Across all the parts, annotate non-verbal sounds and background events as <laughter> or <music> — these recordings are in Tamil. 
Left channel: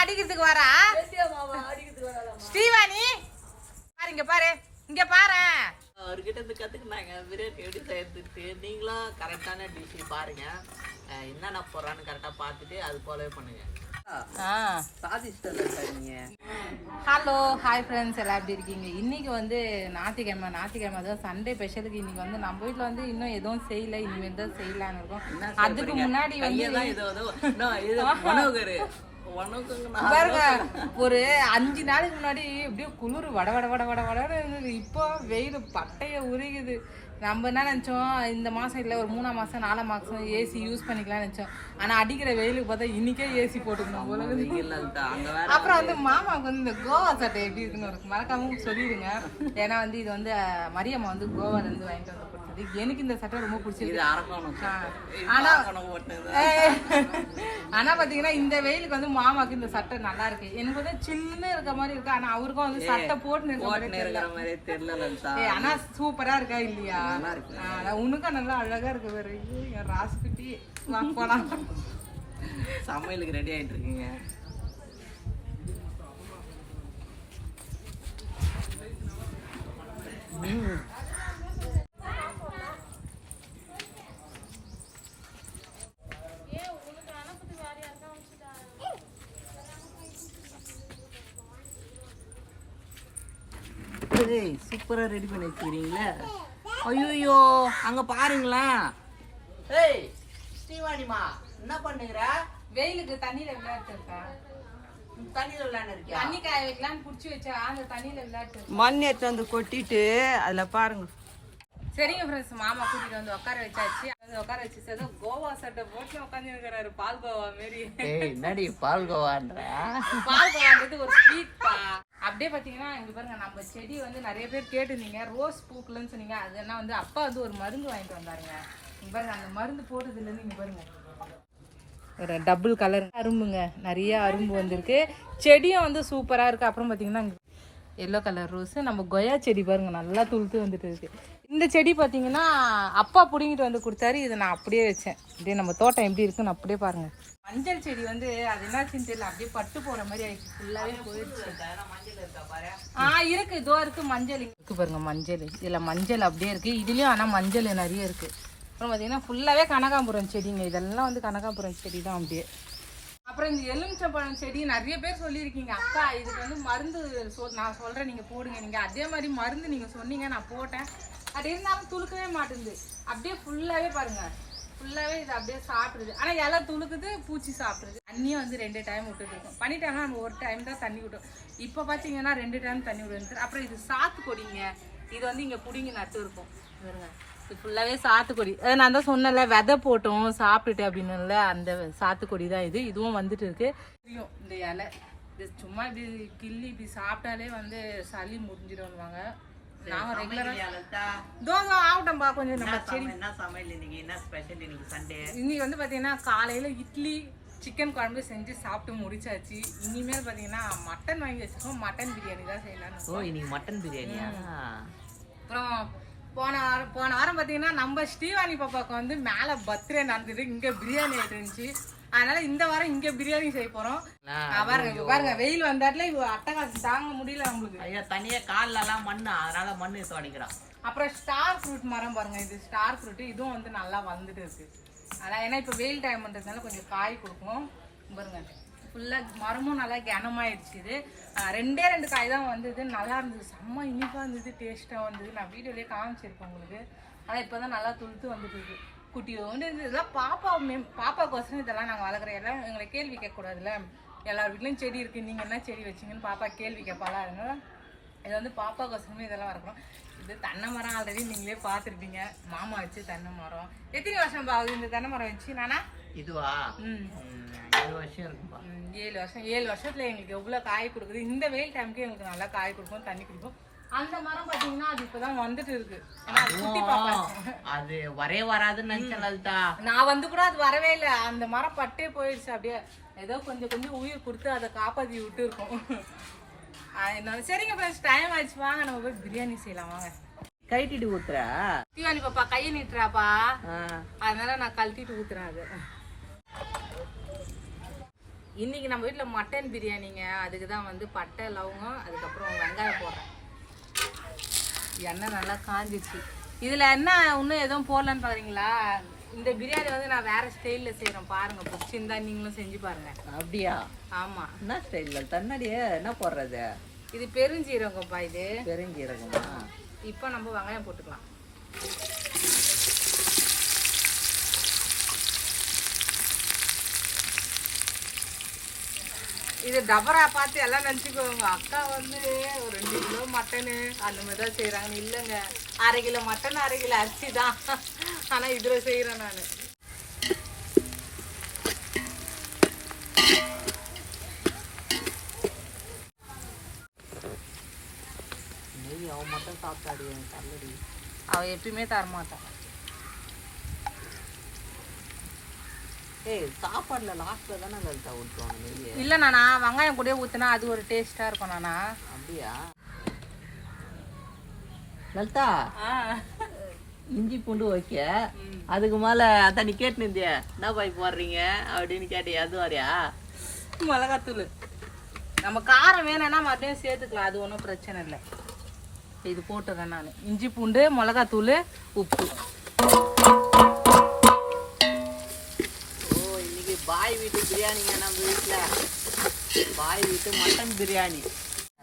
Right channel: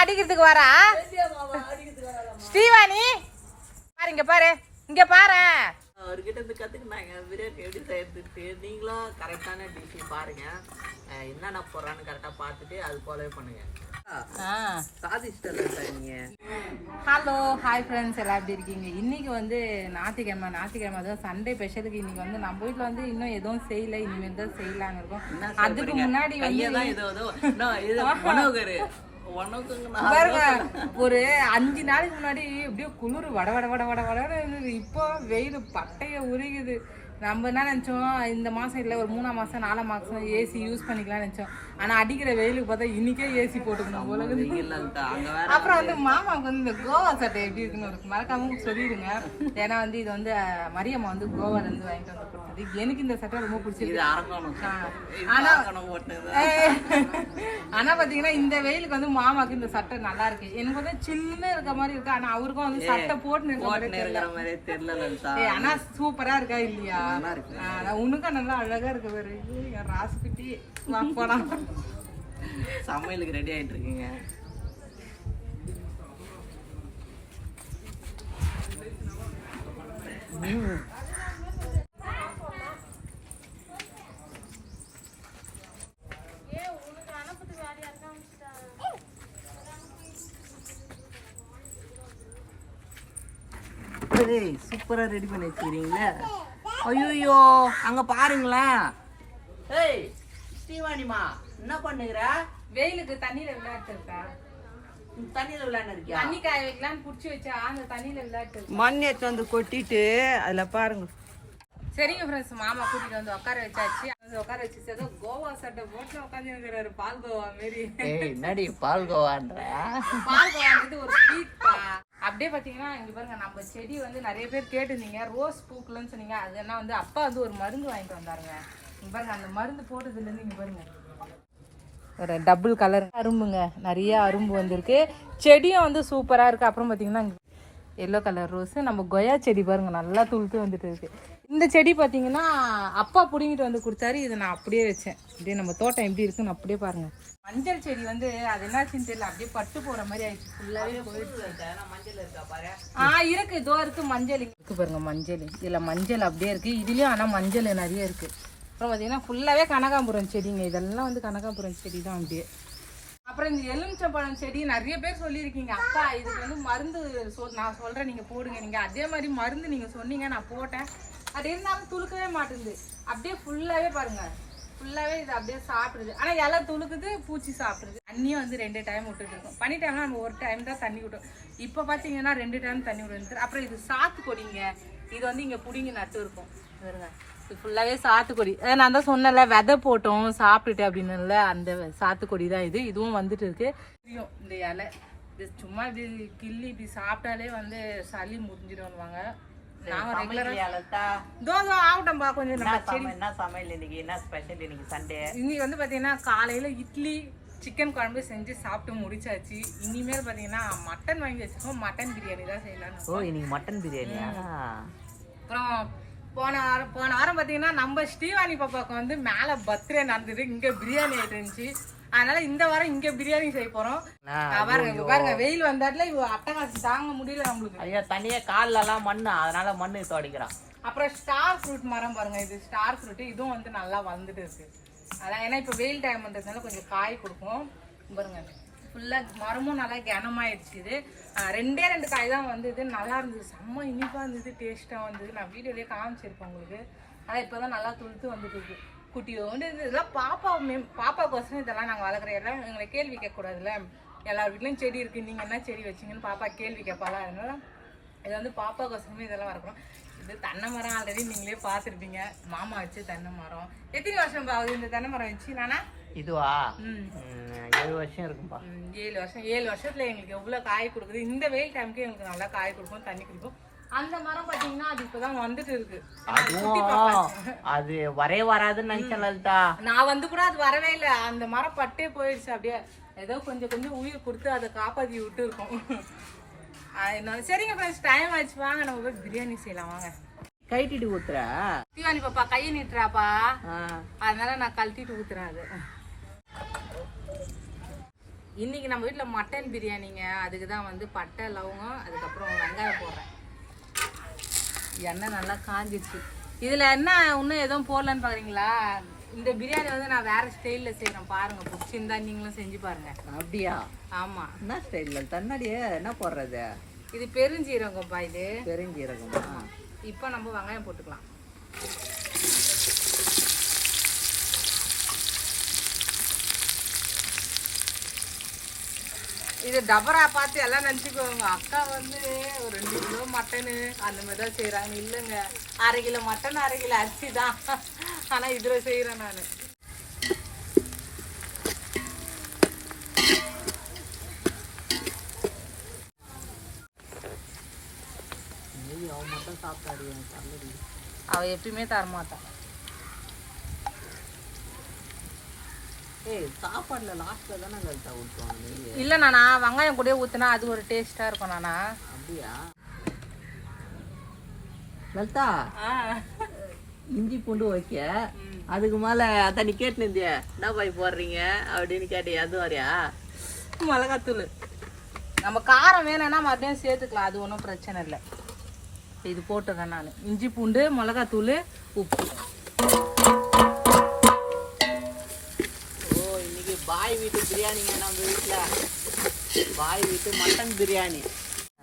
அடிக்கிறதுக்கு வரா? ஸ்ரீவாணி பாரு இங்க பாரு. இங்க பாரு. அவர்கிட்ட இருந்து கத்துக்கினாங்க பிரியாணி எப்படி செய்யறதுக்கு நீங்களும் கரெக்டான டிஷ் பாருங்க. என்னென்ன போடுறான்னு கரெக்டா பார்த்துட்டு அது போலவே பண்ணுங்க. ஹலோ ஹாய் ஃப்ரெண்ட்ஸ் எல்லாம் எப்படி இருக்கீங்க? இன்னைக்கு வந்து ஞாயிற்றுக்கிழமை ஞாயிற்றுக்கிழமை தான். சண்டே ஸ்பெஷலுக்கு இன்னைக்கு வந்து நம்ம வீட்டில் வந்து இன்னும் எதுவும் செய்யல. இனிமேல் தான் செய்யலான்னு இருக்கோம். அதுக்கு முன்னாடி வந்து பாருங்க ஒரு அஞ்சு நாளைக்கு முன்னாடி அப்படியே குளிர் வட வட வட வட வடன்னு இருந்தது. இப்போ வெயில் பட்டைய உருகுது. நம்ம என்ன நினச்சோம்? இந்த மாதம் இல்லை ஒரு மூணாம் மாதம் நாலாம் மாதம் ஏசி யூஸ் பண்ணிக்கலாம்னு நினச்சோம். ஆனால் அடிக்கிற வெயிலுக்கு பார்த்தா இன்னைக்கே ஏசி போட்டுக்கணும் அப்புறம் வந்து மாமாவுக்கு வந்து இந்த கோவா சட்டை எப்படி இருக்குன்னு ஒரு மறக்காம சொல்லிடுங்க. ஏன்னா வந்து இது வந்து மரியம்மா வந்து கோவால இருந்து வாங்கிட்டு வந்து கொடுத்தது. எனக்கு இந்த சட்டை ரொம்ப பிடிச்சிருக்கு. அரக்கணும் ஆ. இது ஆனா- அரக்கணும் ஓட்டுனது. ஏய். ஆனா பாத்தீங்கன்னா இந்த வெயிலுக்கு வந்து மாமாக்கு இந்த சட்டை நல்லா இருக்கு. எனக்கு வந்து சில்லுன்னு இருக்க மாதிரி இருக்கு. ஆனா அவருக்கும் வந்து சட்டை போட்டுன்னு இருக்க மாதிரி இருக்கிற மாதிரியே தெரியல லலிதா. ஏய், ஆனா சூப்பரா இருக்கா இல்லையா? நல்லா உனக்கும் அழகா இருக்கு வேற ஐயோ ராசுக்குட்டி போலாம். சமையலுக்கு ரெடி ஆயிட்டு இருக்கீங்க. சூப்பரா ரெடி பண்ணி வச்சுக்கிறீங்களே. ஐயோ அங்க பாருங்களேன். ஏய் ஸ்ரீவாணிமா என்ன பண்ணுகிற? வெயிலுக்கு தண்ணியில விளையாட்டு இருக்கா? தண்ணியில் விளையாண்டு இருக்கியா தண்ணி காய வைக்கலாம்னு புடிச்சு வச்சா அந்த தண்ணியில விளையாட்டு மண் எடுத்து வந்து கொட்டிட்டு அதுல பாருங்க. சரிங்க ஃப்ரெண்ட்ஸ் மாமா கூட்டிட்டு வந்து உட்கார வச்சாச்சு. வந்து உட்கார வச்சு ஏதோ கோவா சட்டை போட்டு உட்காந்து இருக்கிறாரு பால் கோவா மாரி. ஏய் என்னடி பால்கோவான்ற? பால் கோவான்றது ஒரு ஸ்வீட் பா. அப்படியே பார்த்தீங்கன்னா இங்கே பாருங்க நம்ம செடி வந்து நிறைய பேர் கேட்டிருந்தீங்க. ரோஸ் பூக்கலன்னு சொன்னீங்க. அது என்ன வந்து அப்பா வந்து ஒரு மருந்து வாங்கிட்டு வந்தாருங்க. இங்கே பாருங்க அந்த மருந்து போட்டதுலேருந்து இங்கே பாருங்கள் பாருங்க. ஒரு டபுள் கலர் அரும்புங்க. நிறைய அரும்பு வந்திருக்கு. செடியும் வந்து சூப்பராக இருக்குது அப்புறம் பார்த்தீங்கன்னா எல்லோ கலர் ரோஸு நம்ம கொயா செடி பாருங்கள் நல்லா துளுத்து வந்துட்டு இருக்குது இந்த செடி பார்த்தீங்கன்னா அப்பா பிடிங்கிட்டு வந்து கொடுத்தாரு. இதை நான் அப்படியே வச்சேன். அப்படியே நம்ம தோட்டம் எப்படி இருக்குன்னு அப்படியே பாருங்க. மஞ்சள் செடி வந்து அது என்னாச்சுன்னு தெரியல. அப்படியே பட்டு போற மாதிரி ஆயிடுச்சு. ஃபுல்லாவே போயிடுச்சு. ஆ இருக்கு. இதோ இருக்கு மஞ்சள். இருக்கு பாருங்க மஞ்சள். இதுல மஞ்சள் அப்படியே இருக்கு. இதுலயும் ஆனா மஞ்சள் நிறைய இருக்கு. அப்புறம் பார்த்தீங்கன்னா ஃபுல்லாவே கனகாம்பரம் செடிங்க. இதெல்லாம் வந்து கனகாம்பரம் செடி தான் அப்படியே. அப்புறம் இந்த எலுமிச்சம்பழம் செடி நிறைய பேர் சொல்லியிருக்கீங்க. அக்கா இதுக்கு வந்து மருந்து சொல் நான் சொல்கிறேன் நீங்கள் போடுங்க. நீங்கள் அதே மாதிரி மருந்து நீங்கள் சொன்னீங்க நான் போட்டேன். அது இருந்தாலும் துளுக்கவே மாட்டேங்குது. அப்படியே ஃபுல்லாகவே பாருங்க. ஃபுல்லாகவே இது அப்படியே சாப்பிடுது. ஆனால் இலை துளுக்குது பூச்சி சாப்பிடுது. தண்ணியும் வந்து ரெண்டு டைம் விட்டுட்டு இருக்கோம். பண்ணி டைம்னா நம்ம ஒரு டைம் தான் தண்ணி விட்டோம் இப்போ பார்த்தீங்கன்னா ரெண்டு டைம் தண்ணி விடுறது அப்புறம் இது சாத்து கொடிங்க. இது வந்து இங்கே பிடிங்கி நட்டு இருக்கும். பாருங்க. இது ஃபுல்லாகவே சாத்துக்கொடி அதை நான் தான் சொன்னேன்ல விதை போட்டோம் சாப்பிட்டுட்டு அப்படின்னுல அந்த சாத்துக்கொடி தான் இது. இதுவும் வந்துட்டு இருக்கு. தெரியும் இந்த இலை. இது சும்மா இப்படி கிள்ளி இப்படி சாப்பிட்டாலே வந்து சளி முடிஞ்சிடும்வாங்க நாங்கள் ரெகுலராக தோசை ஆகட்டும்பா கொஞ்சம் நம்ம செடி என்ன சமையல் இன்னைக்கு என்ன ஸ்பெஷல் இன்னைக்கு சண்டே இன்னைக்கு வந்து பார்த்தீங்கன்னா காலையில் இட்லி சிக்கன் குழம்பு செஞ்சு சாப்பிட்டு முடிச்சாச்சு. இனிமேல் பார்த்தீங்கன்னா மட்டன் வாங்கி வச்சிருக்கோம். மட்டன் பிரியாணி தான் செய்யலாம்னு ஓ இன்னைக்கு மட்டன் பிரியாணியா? அப்புறம் போன வாரம் போன வாரம் பார்த்தீங்கன்னா நம்ம ஸ்ரீவாணி பாப்பாவுக்கு வந்து மேலே பர்த்டே நடந்தது. இங்கே பிரியாணி ஆகிட்டு இருந்துச்சு. அதனால இந்த வாரம் இங்கே பிரியாணி செய்ய போகிறோம் பாருங்க இப்ப பாருங்க வெயில் வந்தாட்டுல இவ அட்டகாசம் தாங்க முடியல நம்மளுக்கு. ஐயா தனியா கால்ல எல்லாம் மண்ணு அதனால மண்ணு தோடிக்கிறான் அப்புறம் ஸ்டார் ஃப்ரூட் மரம் பாருங்க இது ஸ்டார் ஃப்ரூட் இதுவும் வந்து நல்லா வளர்ந்துட்டு இருக்கு. அதான் ஏன்னா இப்போ வெயில் டைம்ன்றதுனால கொஞ்சம் காய் கொடுக்கும் பாருங்க ஃபுல்லாக மரமும் நல்லா கனமாயிடுச்சு இது. ரெண்டே ரெண்டு காய் தான் வந்தது. நல்லா இருந்தது. செம்ம இனிப்பாக இருந்தது டேஸ்ட்டாக வந்தது. நான் வீடியோலேயே காமிச்சிருப்பேன் உங்களுக்கு. ஆனால் இப்போ தான் நல்லா துளுத்து வந்துட்டு இருக்கு. குட்டியோண்டு இது இதெல்லாம் பாப்பா மேம் பாப்பாக்கோசரம் இதெல்லாம் நாங்கள் வளர்க்குற எல்லாம் எங்களை கேள்வி கேட்கக்கூடாதுல்ல? எல்லார் வீட்லேயும் செடி இருக்குது நீங்கள் என்ன செடி வச்சீங்கன்னு பாப்பா கேள்வி கேட்பாளா? அதனால இது வந்து பாப்பாக்கோசரமே இதெல்லாம் வளர்க்குறோம். இது தென்னை மரம் ஆல்ரெடி நீங்களே பார்த்துருப்பீங்க. மாமா வச்சு தென்னை மரம். எத்தனை வருஷம் ஆகுது இந்த தென்னை மரம் வச்சு நானா? இதுவா? ஏழு வருஷம் இருக்கும்பா. ஏழு வருஷம். ஏழு வருஷத்துல எங்களுக்கு எவ்வளோ காய் கொடுக்குது? இந்த வெயில் டைமுக்கு எங்களுக்கு நல்லா காய் கொடுக்கும் தண்ணி கொடுக்கும். அந்த மரம் பார்த்தீங்கன்னா அது இப்போதான் வந்துட்டு இருக்கு. ஏன்னா அது குட்டி பாப்பா. அது வரே வராதுன்னு நினைச்சேன் லலிதா. நான் வந்து கூட அது வரவே இல்லை. அந்த மரம் பட்டே போயிடுச்சு. அப்படியே ஏதோ கொஞ்சம் கொஞ்சம் உயிர் கொடுத்து அதை காப்பாற்றி விட்டு இருக்கோம் அதனால சரிங்க ஃப்ரெண்ட்ஸ் டைம் ஆயிடுச்சு. வாங்க நம்ம போய் பிரியாணி செய்யலாம். வாங்க. கைட்டிட்டு ஊத்துற? தீவானி பாப்பா கையை நீட்டுறாப்பா. அதனால நான் கழட்டிட்டு ஊத்துறேன் அது. இன்னைக்கு நம்ம வீட்டில் மட்டன் பிரியாணிங்க. அதுக்கு தான் வந்து பட்டை லவங்கம் அதுக்கப்புறம் வெங்காயம் போடுறேன். எண்ணெய் நல்லா காஞ்சிச்சு இதில் என்ன இன்னும் எதுவும் போடலன்னு பார்க்குறீங்களா இந்த பிரியாணி வந்து நான் வேற ஸ்டைலில் செய்கிறேன் பாருங்க பிடிச்சிருந்தா நீங்களும் செஞ்சு பாருங்க. அப்படியா? ஆமாம் என்ன ஸ்டைலில் தன்னாடியே என்ன போடுறது? இது பெருஞ்சீரகம்ப்பா இது. பெருஞ்சீரகம்? இப்போ நம்ம வெங்காயம் போட்டுக்கலாம். இது டபரா பார்த்து எல்லாம் நினச்சிக்கோங்க. அக்கா வந்து ஒரு ரெண்டு கிலோ மட்டனு அந்த மாதிரி தான் செய்கிறாங்க இல்லைங்க. அரை கிலோ மட்டன் அரை கிலோ அரிசி தான். ஆனால் இதில் செய்கிறேன் நான். அவன் மட்டும் சாப்பிட்டாடி அவள் எப்பயுமே தரமாட்டான். ஏய் சாப்பாடுல லாஸ்ட்ல தானே கழிச்சா ஊற்றுவாங்க இல்லை நானா வெங்காயம் கூட ஊற்றினா அது ஒரு டேஸ்ட்டாக இருக்கும் நானா? அப்படியா? லலிதா ஆ. இஞ்சி பூண்டு ஓகே அதுக்கு மேல அதான் நீ கேட்டுனது என்ன பாய் போடுறீங்க அப்படின்னு கேட்டு அது வரையா மிளகாத்தூள். நம்ம காரம் வேணும்னா மறுபடியும் சேர்த்துக்கலாம். அது ஒன்றும் பிரச்சனை இல்லை. இது போட்டுறேன் நான். இஞ்சி பூண்டு மிளகாத்தூள் உப்பு. வீட்டு பிரியாணிங்க நம்ம வீட்டில் பாய் வீட்டு மட்டன் பிரியாணி.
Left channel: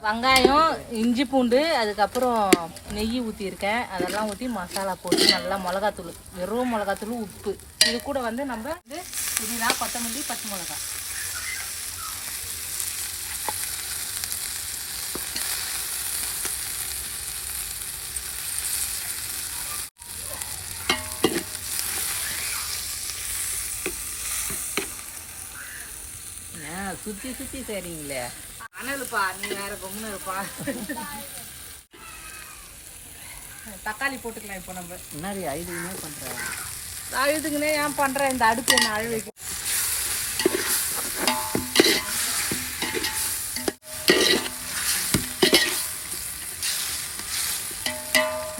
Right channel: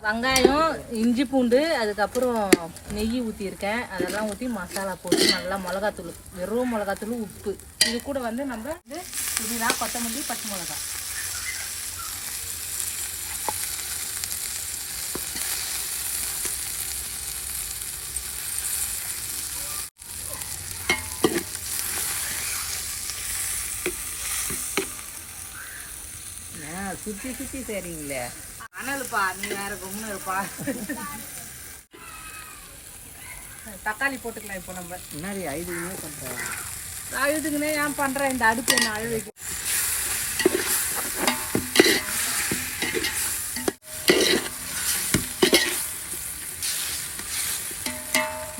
வெங்காயம் இஞ்சி பூண்டு அதுக்கப்புறம் நெய் ஊற்றியிருக்கேன் அதெல்லாம் ஊற்றி மசாலா போட்டு நல்லா மிளகாத்தூள் வெறும் மிளகாத்தூள் உப்பு. இது கூட வந்து நம்ம வந்து புதினா கொத்தமல்லி பச்சை மிளகாய். சுத்தி சுத்தி செய்றீங்களே அனலுப்பா நீ வேற கம்முன்னு இருப்பா. தக்காளி போட்டுக்கலாம் இப்போ நம்ம. முன்னாடி ஐదు நிமிஷம் பண்றாங்க ஆயுதுக்குன்னே ஏன் பண்ணுறேன் இந்த அடுப்பு என்ன அழகு வைக்க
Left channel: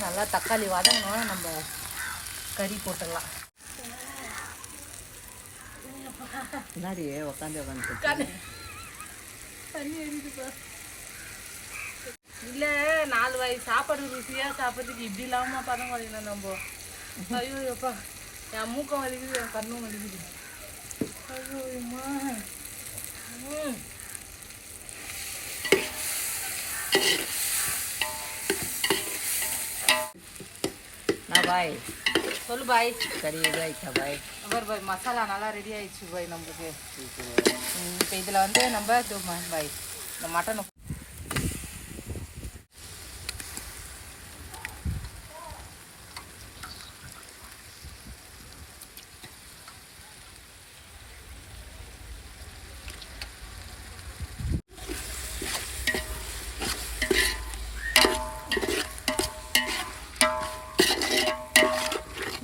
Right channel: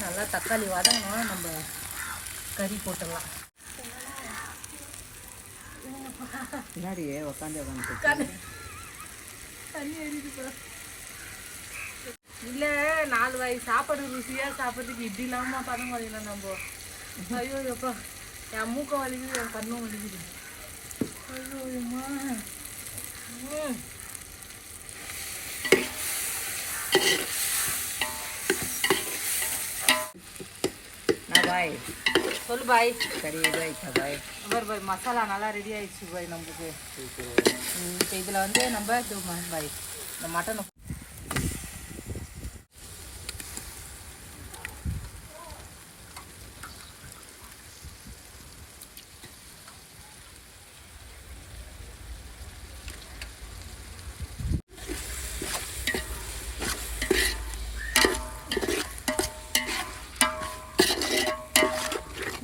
நல்லா தக்காளி வதங்கணும். நம்ம கறி போட்டுடலாம் முன்னாடி உட்காந்து உட்காந்து தண்ணி எரியுதுப்பா இல்லை நாலு வாய் சாப்பாடு ருசியாக சாப்பிட்றதுக்கு இப்படி இல்லாமல் பதம் குறையலாம் நம்ம. ஐயோ எப்பா. என் மூக்கம் வலிக்குது என் கண்ணும் வலிக்குது. ஐயோ அம்மா. பாய். சொல்லு பாய். கறி இது ஆயிட்டா பாய். அவர் பாய் மசாலா நல்லா ரெடி ஆயிடுச்சு பாய் நம்மளுக்கு இப்போ இதில் வந்து நம்ம பாய் இந்த மட்டனை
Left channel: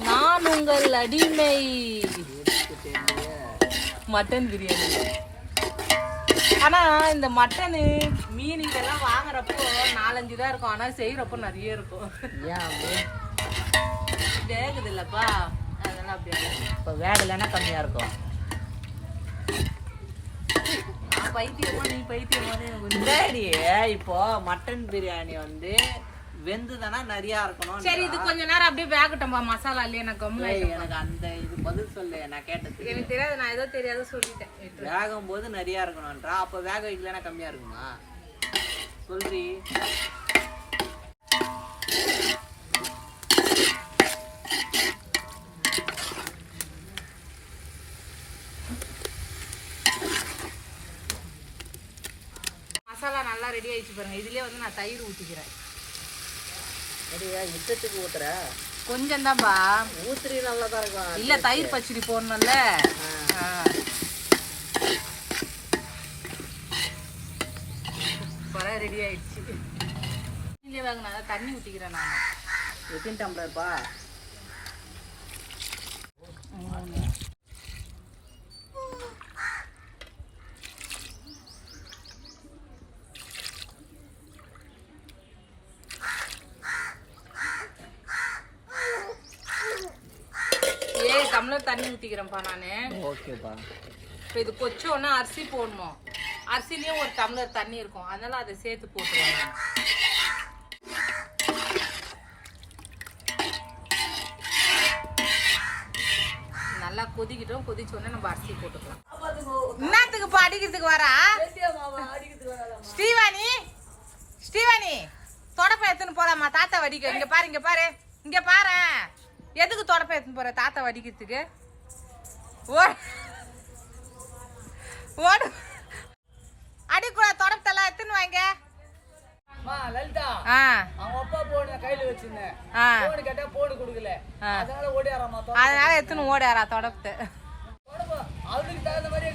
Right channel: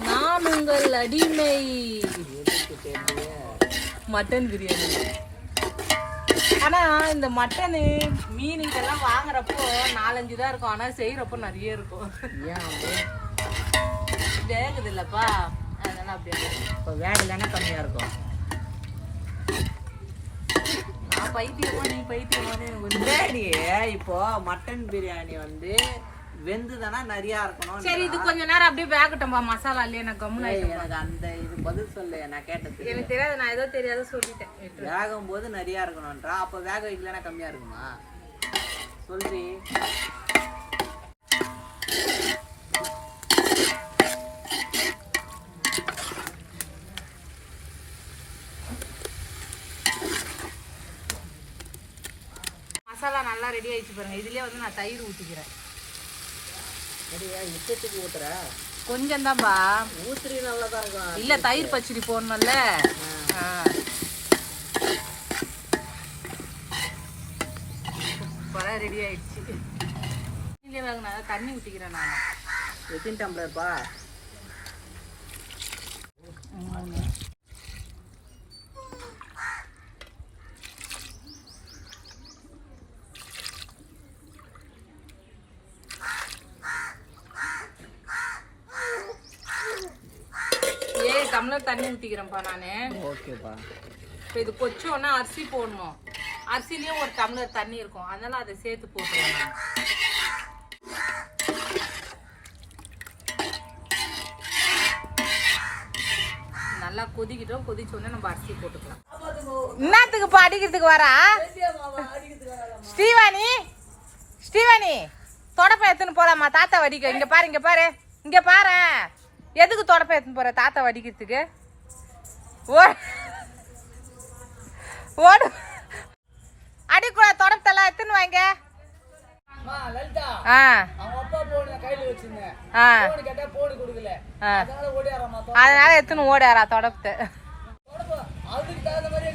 நான் உங்கள் அடிமை மட்டன் பிரியாணி ஆனா இந்த மட்டனு மீன் இதெல்லாம் வாங்குறப்போ நாலஞ்சு தான் இருக்கும். ஆனா செய்யறப்போ நிறைய இருக்கும். வேகுது இல்லப்பா அதெல்லாம் அப்படியே இப்போ வேகலைன்னா கம்மியா இருக்கும். நான் பைத்தியமா நீ பைத்தியமானு எனக்கு இப்போ மட்டன் பிரியாணி வந்து வெந்துதானா? நிறையா இருக்கணும் சரி இது கொஞ்ச நேரம் அப்படியே வேகட்டும்பா மசாலா இல்லையே? கம்முன்னு ஆயிட்டேன். எனக்கு அந்த இது பதில் சொல்லு நான் கேட்டது எனக்கு தெரியாது நான் ஏதோ தெரியாத சொல்லிட்டேன். வேகும் போது நிறையா இருக்கணும்ன்றா. அப்போ வேக வைக்கலன்னா கம்மியா இருக்குமா? சொல்றி மசாலா நல்லா ரெடி ஆயிடுச்சு பாருங்க. இதுலயே வந்து நான் தயிர் ஊத்திக்கிறேன். சரியா இஷ்டத்துக்கு ஊத்துற. கொஞ்சம் தான்ப்பா ஊத்துறி இருக்கும் இல்ல தயிர் பச்சடி போடணும்ல. சூப்பரா ரெடி ஆயிடுச்சு. வாங்கினா தண்ணி ஊத்திக்கிறேன் நான். எத்தனை டம்ளர்ப்பா மூணு ஏய் டம்ளர் தண்ணி ஊத்திக்கிறேன்ப்பா நானு. ஓகேப்பா. இப்போ இது கொச்சோன்னா அரிசி போடணும். அரிசிலேயே ஒரு டம்ளர் தண்ணி இருக்கும். அதனால அதை சேர்த்து போட்டுருவாங்க நல்லா கொதிக்கிட்டோம். கொதிச்ச உடனே நம்ம அரிசி போட்டுக்கலாம். என்னத்துக்கு இப்போ அடிக்கிறதுக்கு வரா? ஸ்ரீவாணி? ஸ்ரீவாணி தொடப்ப எடுத்துன்னு போறாமா தாத்தா வடிக்க இங்க பாரு இங்க பாரு. இங்க பாரு. எதுக்கு தொடப்ப எடுத்துன்னு போற? தாத்தா வடிக்கிறதுக்கு. ஓடு. அடிக்கூட தொடப்பத்தெல்லாம் எடுத்துன்னு வாங்க. அதனால எடுத்துன்னு ஓடாரா தொடப்பத்தை அதுக்கு தகுந்த மாதிரி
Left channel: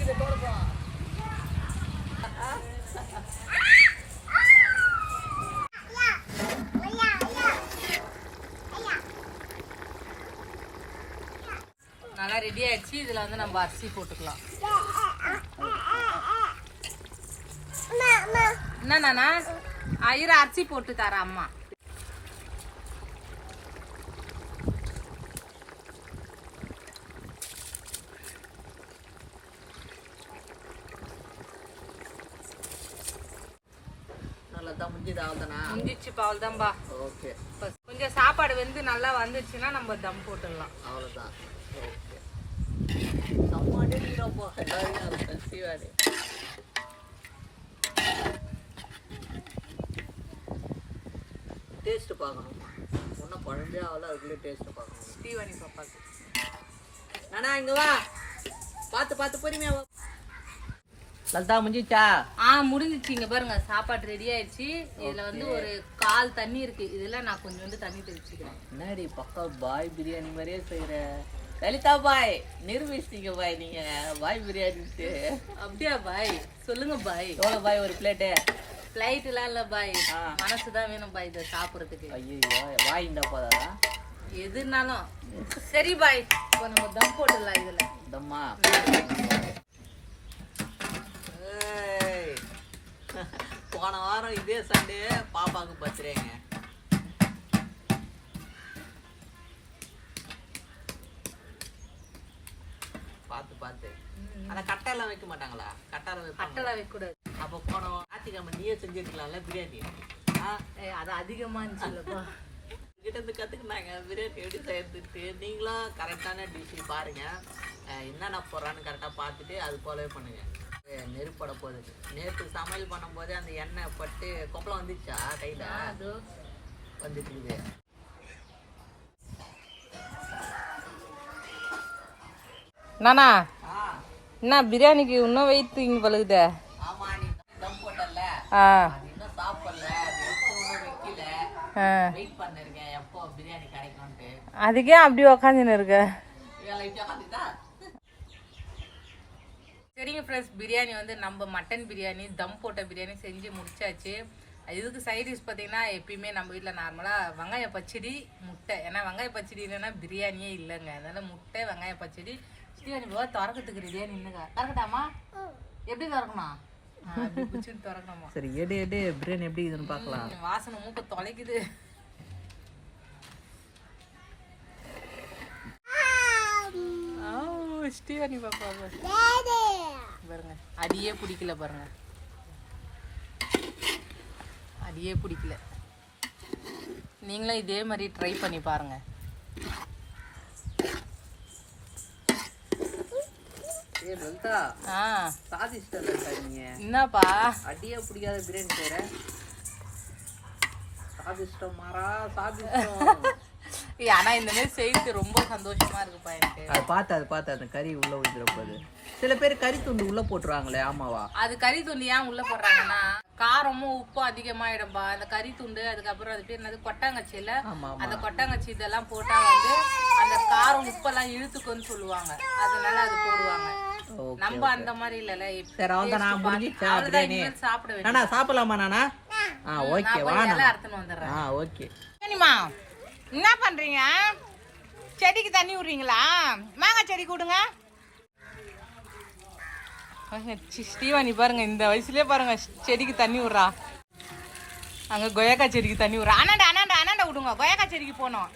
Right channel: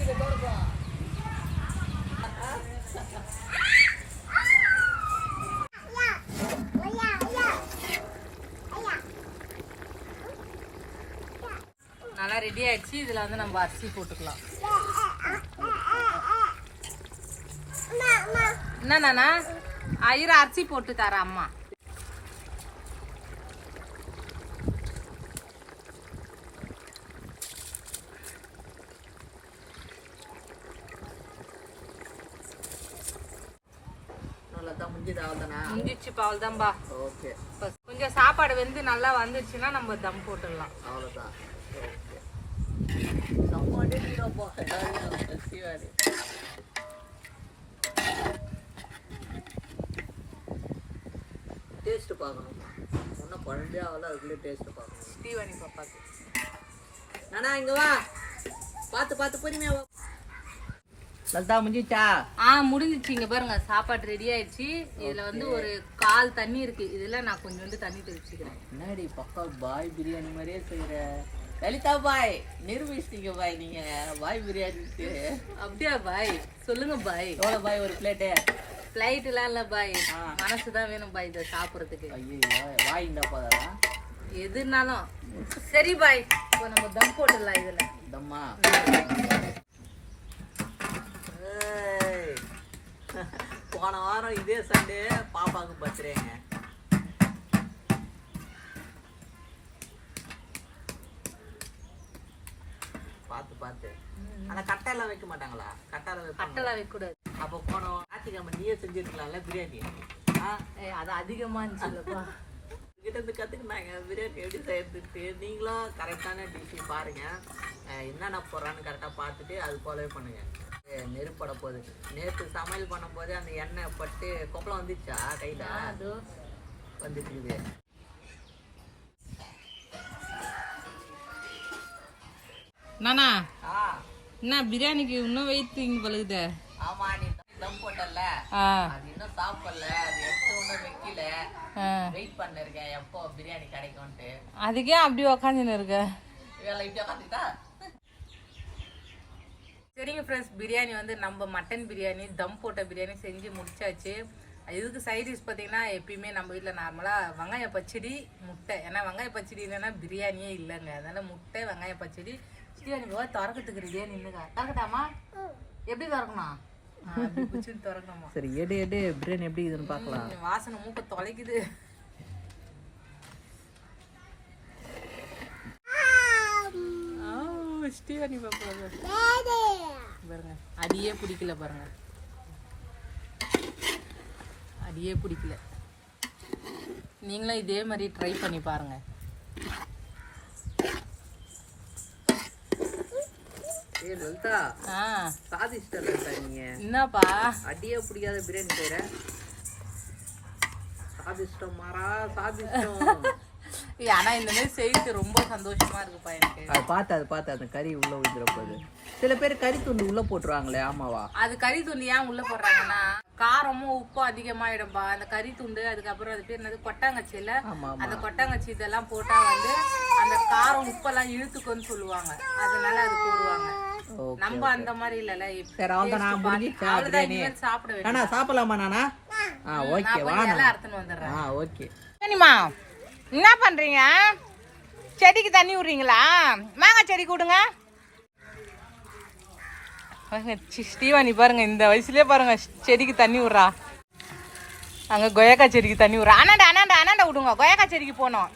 நல்லா ரெடி ஆயிடுச்சு. இதுல வந்து நம்ம அரிசி போட்டுக்கலாம். என்ன நானா ஐயர அரிசி போட்டு தர அம்மா முடிஞ்சிச்சு பாவல் தான்பா ஓகே. கொஞ்சம் சாப்பாடு வந்து நல்லா வந்துருச்சுன்னா நம்ம தம் போட்டுடலாம். அவ்வளோதான் ஓகே சம்மாடே நீரப்போ சீவாடி டேஸ்ட் பார்க்கணும்மா ஒன்றும் குழஞ்சே ஆகல அதுக்குள்ளே டேஸ்ட் பார்க்கணும். ஸ்ரீவாணி பாப்பாக்கு நானா இங்க வா. பார்த்து பார்த்து பொறுமையா வா. லலிதா முடிஞ்சிச்சா? ஆ முடிஞ்சிச்சு. இங்க பாருங்க சாப்பாடு ரெடி ஆயிடுச்சு. இதுல வந்து ஒரு கால் தண்ணி இருக்கு. இதுல நான் கொஞ்சம் வந்து தண்ணி தெளிச்சுக்கிறேன். என்னடி பக்கா பாய் பிரியாணி மாதிரியே செய்யற லலிதா பாய் நிரூபிச்சிட்டீங்க பாய் நீங்க. பாய் பிரியாணிக்கு அப்படியா பாய்? சொல்லுங்க பாய். எவ்வளோ பாய் ஒரு பிளேட்டு ஃப்ளைட்லாம் இல்ல பாய். மனசு தான் வேணும் பாய் இதை சாப்பிட்றதுக்கு. ஐயோ வாய் இந்த போதா எதுனாலும். சரி பாய் இப்போ நம்ம தம் போட்டுடலாம் இதுல. தம்மா. போன வாரம் இதே சண்டே பாப்பாவுக்கு பர்த்டேங்க. ஆனா கட்டெல்லாம் வைக்க மாட்டாங்களா? கட்டால வைப்பாங்க கட்டலாம் வைக்கக்கூடாது. அப்போ போன ஞாயிற்றுக்கிழமை நீயே செஞ்சிருக்கலாம்ல பிரியாணி. அது அதிகமா இருந்துச்சுல்லப்பா. கிட்ட இருந்து கத்துக்கினாங்க பிரியாணி எப்படி செய்யறதுக்கு நீங்களும் கரெக்டான டிஷ் பாருங்க. அஹ் என்னென்ன போடுறான்னு கரெக்டாக பார்த்துட்டு அது போலவே பண்ணுங்க. அஹ் நெருப்பட போகுது நேற்று சமையல் பண்ணும்போது அந்த எண்ணெய் பட்டு கொப்பளம் வந்துச்சா கையில்? அது. வந்துட்டுருக்குது நானா? என்ன பிரியாணிக்கு இன்னும் வெயிட் இங்க பழுகுதே? ஆமா நீ தம் போட்டல ஆ. அது இன்னும் சாப்பிடல. அது எப்போ ஒன்றும் வைக்கல. ஆ. வெயிட் பண்ணிருக்கேன். எப்போ பிரியாணி கிடைக்கும்ட்டு அதுக்கே அப்படி உக்காந்துன்னு இருக்க. சரிங்க ஃப்ரெண்ட்ஸ் பிரியாணி வந்து நம்ம மட்டன் பிரியாணி தம் போட்ட பிரியாணி செஞ்சு முடிச்சாச்சு. இதுக்கு சைடிஷ் பார்த்தீங்கன்னா எப்பயுமே நம்ம வீட்டில் நார்மலாக வெங்காய பச்சடி முட்டை. ஏன்னா வெங்காய பச்சடி இல்லைன்னா பிரியாணியே இல்லைங்க. அதனால முட்டை வெங்காய பச்சடி ஸ்ரீவாணி பாபா திறக்கிறதுக்கு ரெடியாக நின்றுங்க திறக்கட்டாமா? எப்படி திறக்கணும்? திறக்கணுமா? சரி எடு எடு பிரியாணி எப்படி இருக்குதுன்னு பார்க்கலாம். வாசனை மூக்க தொலைக்குது. ஆ, ஸ்ரீவாணி பாப்பா பாருங்க. அடியே பிடிக்கல பாருங்க. அடியே பிடிக்கல. நீங்களும் இதே மாதிரி ட்ரை பண்ணி பாருங்க ஏ லலிதா ஆ சாதிச்சிட்டா லலிதா நீங்க என்னப்பா? அடியே பிடிக்காத பிரியாணி செய்யற சாதிஷ்டம் மாறா சாதிஷ்டம் ஆனா இந்த மாதிரி செய்து ரொம்ப சந்தோஷமா இருக்குப்பா எனக்கு. பார்த்து அது பார்த்து அந்த கறி உள்ள விழுந்துற போகுது. சில பேர் கறி துண்டு உள்ள போட்டுருவாங்களே ஆமாவா? அது கறி துண்டு ஏன் உள்ள போடுறாங்கன்னா காரமும் உப்பும் அதிகமாயிடும்பா. அந்த கறி துண்டு அதுக்கப்புறம் அது பேர் என்னது? கொட்டாங்கச்சி இல்ல ஆமா. அந்த கொட்டாங்கச்சி இதெல்லாம் போட்டா வந்து அந்த காரம் உப்பெல்லாம் இழுத்துக்குன்னு சொல்லுவாங்க. அதனால அது போடுவாங்க. நம்ம அந்த மாதிரி இல்லல சரி அவ்வளோதான் நான் முடிஞ்சிச்சா அவ்வளவுதான் பிரியாணி இனிமேல் சாப்பிட வேண்டியது நானா சாப்பிடலாமா நானா? ஆ ஓகே நான் போய் இலை அறுத்துன்னு வந்துடுறேன். ஆ ஓகே சரிம்மா என்ன பண்றீங்க? செடிக்கு தண்ணி விடுறீங்களா மாங்காய் செடி கொடுங்க. பாருங்க, சி, ஸ்ரீவாணி பாருங்க இந்த வயசுலயே பாருங்க செடிக்கு தண்ணி விடுறா அங்க கொயக்கா செடிக்கு தண்ணி விடுறா அண்ணாண்டா அண்ணாண்டா அண்ணாண்டா விடுங்க. கொயக்கா செடிக்கு போனோம்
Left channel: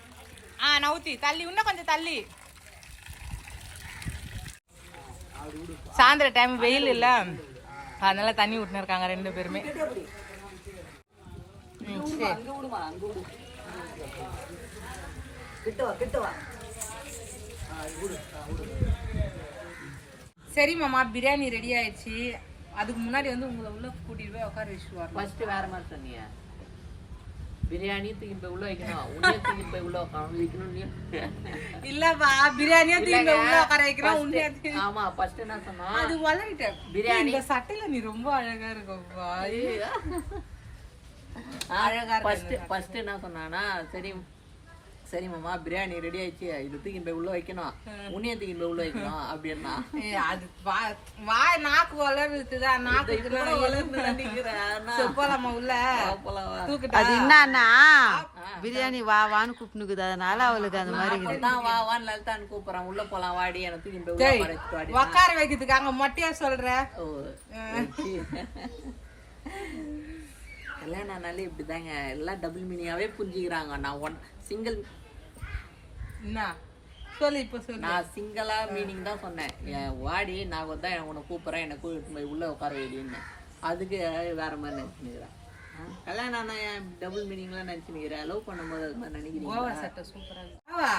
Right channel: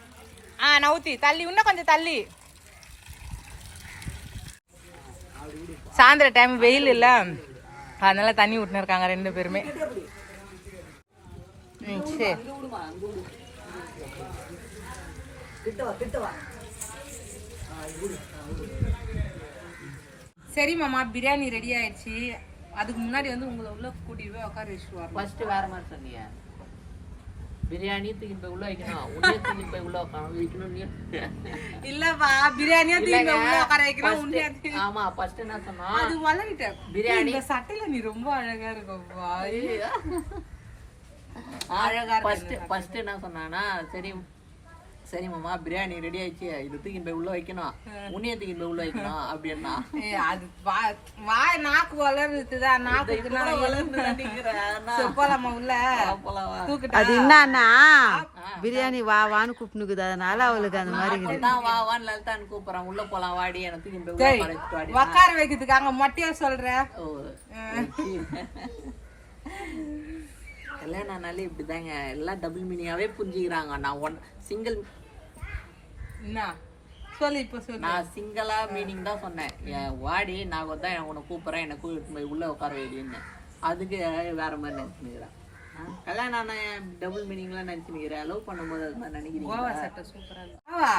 ஆ நவுத்தி தள்ளி இன்னும் கொஞ்சம் தள்ளி. சாயந்தர டைம் வெயில் இல்லை. அதனால தண்ணி விட்டுன்னு இருக்காங்க ரெண்டு பேருமே. ம், சரி. சரி மாமா பிரியாணி ரெடி ஆயிடுச்சு. அதுக்கு முன்னாடி வந்து உங்களை உள்ள கூட்டிட்டு போய் உட்கார வச்சுட்டு வரலாம் ஃபர்ஸ்ட் வேற மாதிரி சொன்னீங்க பிரியாணி தூக்கி போய் உள்ள வைக்கணும். உன்னே தூக்கி போய் உள்ள உட்காந்து வைக்கணும். இல்லப்பா பிரியாணியா இல்லைங்க. உள்ள உட்கார First- உண்மையா ஆமா ஃபர்ஸ்ட் என்ன சொன்னா அது வளரிட்டேன் பிரியாணி. இந்த சட்டையில நீ ரொம்ப அழகா இருக்கப்பா அழகா ஃபர்ஸ்ட் ஃபர்ஸ்ட் என்ன சொன்னானா சரி சரி மாமா பிரியாணி ரெடி ஆயிடுச்சு. இது தூக்கி போய் உள்ள வைக்கணும். உன்னைய தூக்கி போய் உள்ள வைக்கணும் அப்படின்னா. ஏய், அது வா- வாய் நாக்கு வளருதுதான் நாக்குக்கு நான் வளர்ந்து போலாமா உள்ள? அது என்னன்னா பிரியாணி வா வான்னு கூப்பிட்டுக்குது அதனால அவளுக்கு அந்த மாதிரி. தான் வா வான்னு லலிதான் கூப்பிடுறான். உள்ள போலாம் வாடி. எனக்கு தூக்கி போய் உட்கார வைக்கிறதுக்கு அங்க மொட்டையா சொல்ற? ஓ வச்சு. கல்யாணம் ஆனாலே இப்படிதாங்க. எல்லாம் டபுள் மீனிங்காவே புரிஞ்சுக்கிறாங்க. நான் ஒன் சிங்கிள் என்ன? சொல்லு இப்ப சொல்லு. நான் சிங்கிளா மீனிங் தான் சொன்னேன். என் வாடி நான் தான் உன்னை கூப்பிட்றேன் என்னை கூப்பிட்டு போய் உள்ள உட்கார வைடின்னு. அதுக்கு வேற மாதிரி நினைச்சுனுக்கிறேன் கல்யாணம் ஆனா டபுள் மீனிங்லாம் நினைச்சுனுக்கிறேன் லவ் பண்ணும்போது அது மாதிரி கோவா நினைக்கிறீங்க சட்டை சூப்பரா இருக்கு. கோவா.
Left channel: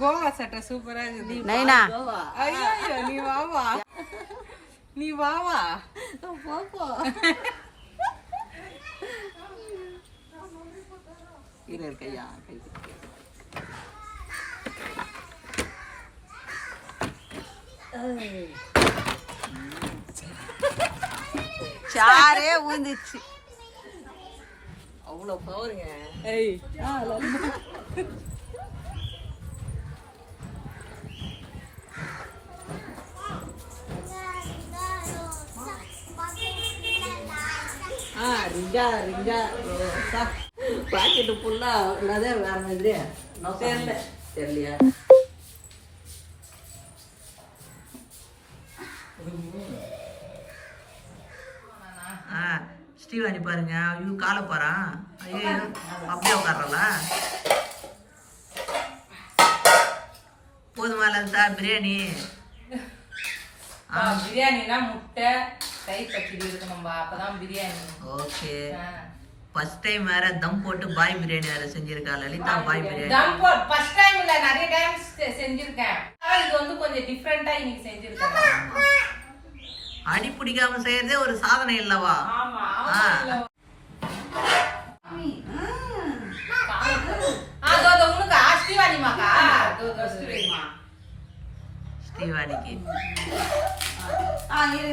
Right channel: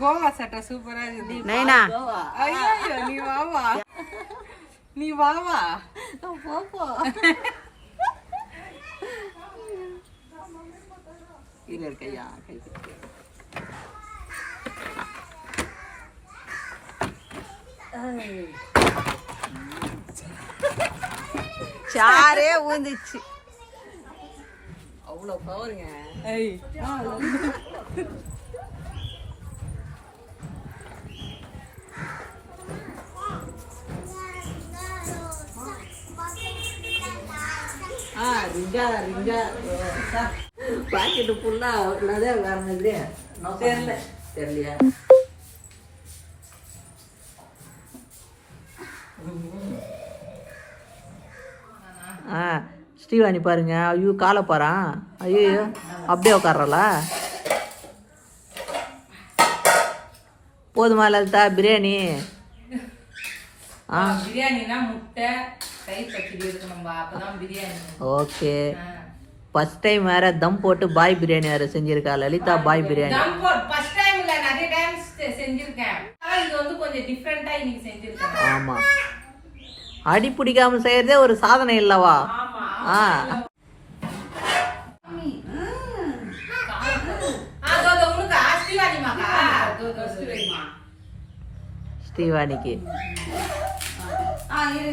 கோவா சட்டை சூப்பரா இருக்குது நைனா. கோவா. ஐயோ நீ வாவா நீ வாவா போப்போ. இரு இரு, கையா கை <laughs> சாரே ஊந்துச்சு. அவ்வளோ பவருங்க ஏய். ஆ ரிங்கா ரிங்கா. பாக்கெட்டு ஃபுல்லா உள்ளதே வேற மாதிரி தெரியல. தெரியலையா? ஆ ஸ்ரீவாணி பாருங்க. ஐயோ காலை பாறான் ஐயோ அப்படியே உட்கார்றல போதுமா லலிதா? பிரியாணி? பிரியாணினா முட்டை தயிர் பச்சடி இருக்கணும்பா. அப்பதான் பிரியாணி. ஓகே. ஆ. ஃபர்ஸ்ட் டைம் வேற தம் போட்டு பாய் பிரியாணி வேற செஞ்சிருக்கா. லலிதா பாய் பிரியாணி. தம் போட் ஃபர்ஸ்ட் டைம் இல்ல நிறைய டைம் செஞ்சிருக்கேன். இது வந்து கொஞ்சம் டிஃப்ரெண்டா இன்னைக்கு செஞ்சிருக்கேன். ஆமா. அடி பிடிக்காம செய்யறதே ஒரு சாதனை இல்லவா? ஆ. ஸ்ரீவாணிக்கு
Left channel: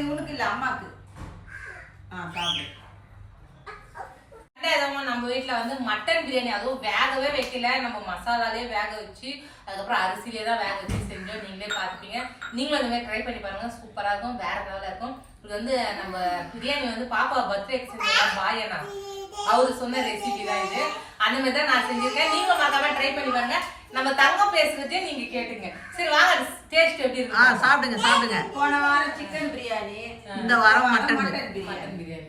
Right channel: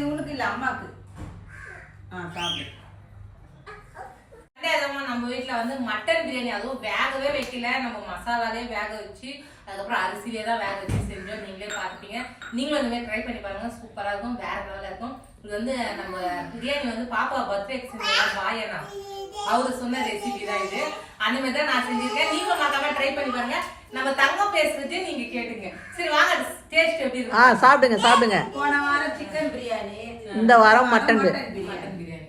உனக்கு இல்ல அம்மாக்கு. ஆ சாப்பிடு ரெண்டாவதுமா நம்ம வீட்ல வந்து மட்டன் பிரியாணி அதுவும் வேகவே வைக்கல. நம்ம மசாலாலே வேக வச்சு அதுக்கப்புறம் அரிசிலே தான் வேக வச்சு செஞ்சோம். நீங்களே பார்த்துப்பீங்க. நீங்களும் இந்த மாதிரி ட்ரை பண்ணி பாருங்க. சூப்பரா இருக்கும். வேற லெவலில் இருக்கும். இது வந்து நம்ம பிரியாணி வந்து பாப்பா பர்த்டேக்கு செஞ்சதா பாயனா அவரு சொன்ன ரெசிபி தான் இது. அந்த மாதிரி தான் நான் செஞ்சிருக்கேன். நீங்களும் மறக்காம ட்ரை பண்ணி பாருங்க. நம்ம தங்கம் பேசுறதே நீங்க கேட்டுங்க. சரி வாங்க. டேஸ்ட் எப்படி இருக்கு? சாப்பிடுங்க சாப்பிடுங்க. போன வாரம் சிக்கன் பிரியாணி இந்த வாரம் மட்டன் பிரியாணி. மட்டன் பிரியாணி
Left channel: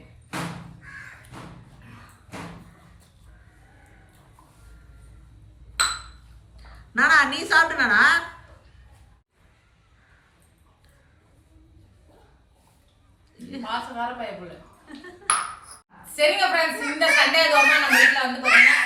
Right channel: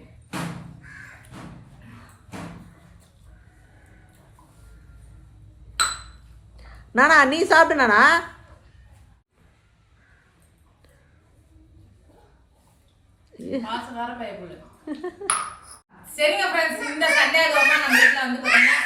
நானா நீ சாப்பிடு நானா மாசக்கார பயப்புள்ள சரிங்க ஃப்ரெண்ட்ஸ் இந்த சண்டே நம்ம வீட்டில் வந்து பாத்தீங்கன்னா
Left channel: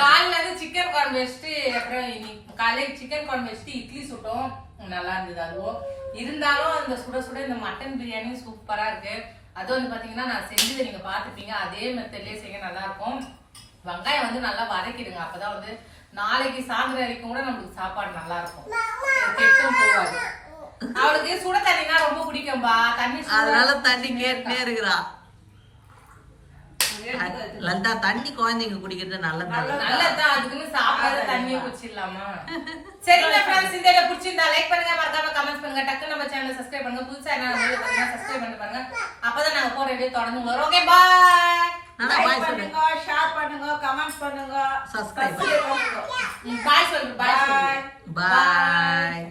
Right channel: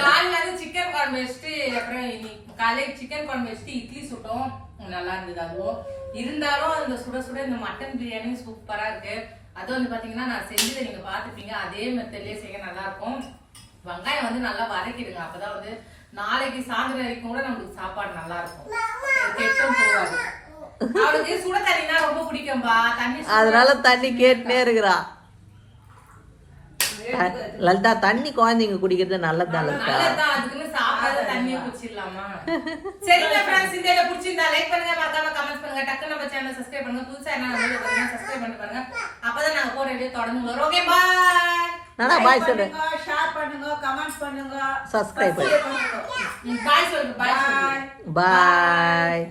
காலையில வந்து சிக்கன் குழம்பு வச்சுட்டு அப்புறம் இன்னைக்கு காலையில சிக்கன் குழம்பு வச்சுட்டு இட்லி சுட்டோம். நல்லா இருந்தது. அதுவும் இருந்தாலும் அந்த சுட சுட இந்த மட்டன் பிரியாணி சூப்பரா இருக்கு. அது வந்து பாத்தீங்கன்னா நான் செஞ்சதை நீங்க பாத்துப்பீங்க அதே மெத்தட்லேயே செய்ய நல்லா இருக்கும். வெங்காயம் வந்து நல்லா வதக்கிடுங்க. அப்பதான் வந்து நாளைக்கு சாயந்தரம் வரைக்கும் கூட நம்மளுக்கு சாப்பாடு நல்லா இருக்கும் கெட்டும் போகாது. அவளுக்கு சுட தண்ணினா ரொம்ப பிடிக்கும்பா. தண்ணி அதனால தண்ணி கேட்டுட்டே இருக்கிறா. லலிதா தண்ணி குழந்தைங்க குடிக்கிறது நல்லதுதான் லலிதா. நல்லதுதான் அதுக்குன்னு சாப்பாடு தண்ணியை குடிச்சிடலாமா? சரிங்க ஃப்ரெண்ட்ஸ் இந்த வீடியோ பிடிச்சிருந்தா லைக் பண்ணுங்க மறக்காம கமெண்ட் பண்ணுங்க. டக்கு நம்ம சேனலை சப்ஸ்கிரைப் பண்ணுங்க. புதுசா என்ன வீடியோ பாருங்க சப்ஸ்கிரைப் பண்ணி பாருங்க. அப்பதான் நாங்க போற வீடியோ தொடர்ந்து வரும். ஓகே பாய் நானா பாய் சொல்லு. ஷேர் பண்ணுங்க கமெண்ட் பண்ணுங்க. சப்ஸ்கிரைப் பாய் சொல்லுங்க பாய் சொல்லுங்க பாய்